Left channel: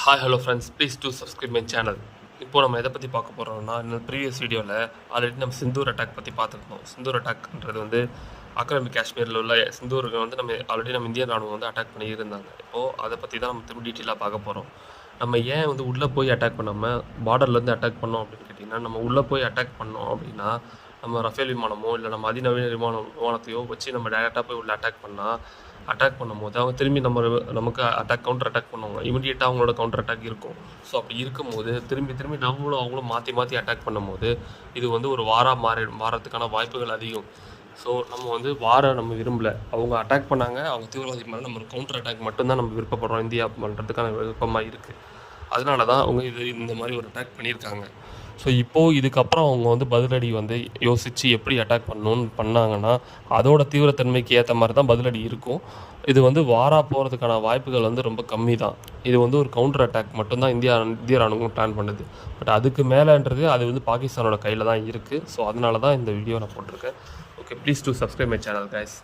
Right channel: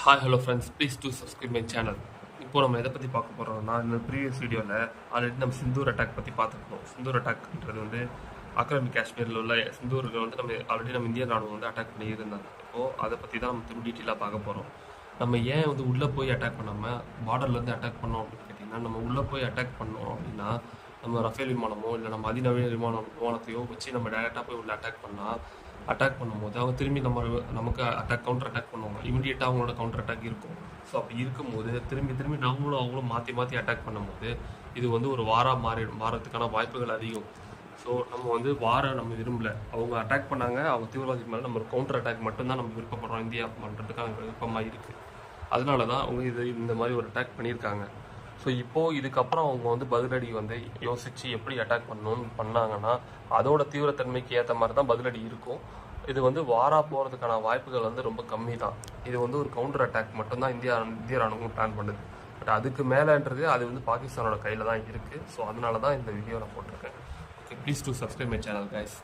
Hi hello friends, please do subscribe my channel. இப்போ நம்ம எதை பற்றி பார்க்க போகிறோம்னா, இந்த ப்ரீவியஸ் வீடியோவில் ஆல்ரெடி நம்ம சிந்தூர் அட்டாக் பற்றி பார்த்துருக்கோம். சிந்தூர் அட்டாக்ன்றது வந்து ஆக்கிரமிப்பு காஷ்மீரில் உள்ள சிந்தூருக்கு வந்து நம்ம இந்திய ராணுவம் வந்து அட்டாக் பண்ணி இருந்தாங்க. இப்போது அதை பற்றி தான் நம்ம திரும்ப டீட்டெயிலாக பார்க்க போகிறோம். நம்ம ஏன் வந்து உள்ளே போய் அட்டாக் பண்ணாமல் பார்டர்லேருந்து அட்டாக் பண்ணோம் அப்படின்னு கேட்டிங்கன்னா, நம்ம உள்ளே போய் அட்டாக் பண்ணோம் அப்படின்னா நம்ம ரஃபேல் விமானமோ இல்லை நம்ம அதிநவீன விமானத்தையோ வச்சு நம்ம டேரெக்டாக போய் உள்ள அட்டாக் பண்ணும்போது அவங்க திரும்பி நமக்கு கவுண்டர் அட்டாக் பண்ணுவாங்க. இமிடியேட்டாக அவங்களோட கவுண்டர் அட்டாக் இருக்கும். ஸோ அப்படி இருக்கும்போது திரும்பி அவங்களும் மாற்றி அட்டாக் பண்ணும்போது இது வந்து ஒரு மாறத்துக்கான வாய்ப்புகள் அதிகம். ஸோ நம்ம வந்து நம்ம விரும்பலை. அவங்க அட்டாக் பண்ணாங்க, அவங்க தீவிரவாதி மேலே நம்ம கவுண்டர் அட்டாக் மட்டும்தான் நம்ம விருப்பப்படுறோம். இந்தியா பண்ணுறதுக்கான விருப்பமாக இருக்குது. அதனால தான் அவங்க இந்த மாதிரி ஒரு அட்டாக் பண்ணியிருக்காங்க. ஸோ இப்போது இதுக்கப்புறம் அவங்க வந்து பதிலடி வந்து யோசித்து எப்படி அட்டாக் பண்ணாங்கன்னா அதோட தீவிரத்தன்மைக்கு ஏற்ற மாதிரி தான் பதிலடி இருக்கும். இது வந்து போகிறதுக்கான வாய்ப்புகள் வந்து ரொம்ப கம்மி தான். இது வந்து ஒரு கவுண்டர் அட்டாக் மட்டும்தான் இந்திய ராணுவம் பிளான் பண்ணுது. பட் அதுக்கு மேலேன்றது அது வந்து பாகிஸ்தானோட கையில் தான் இருக்குது. ஸோ அதனால தான் இந்த வீடியோ நான் போட்டிருக்கேன். Okay, please do subscribe my channel guys.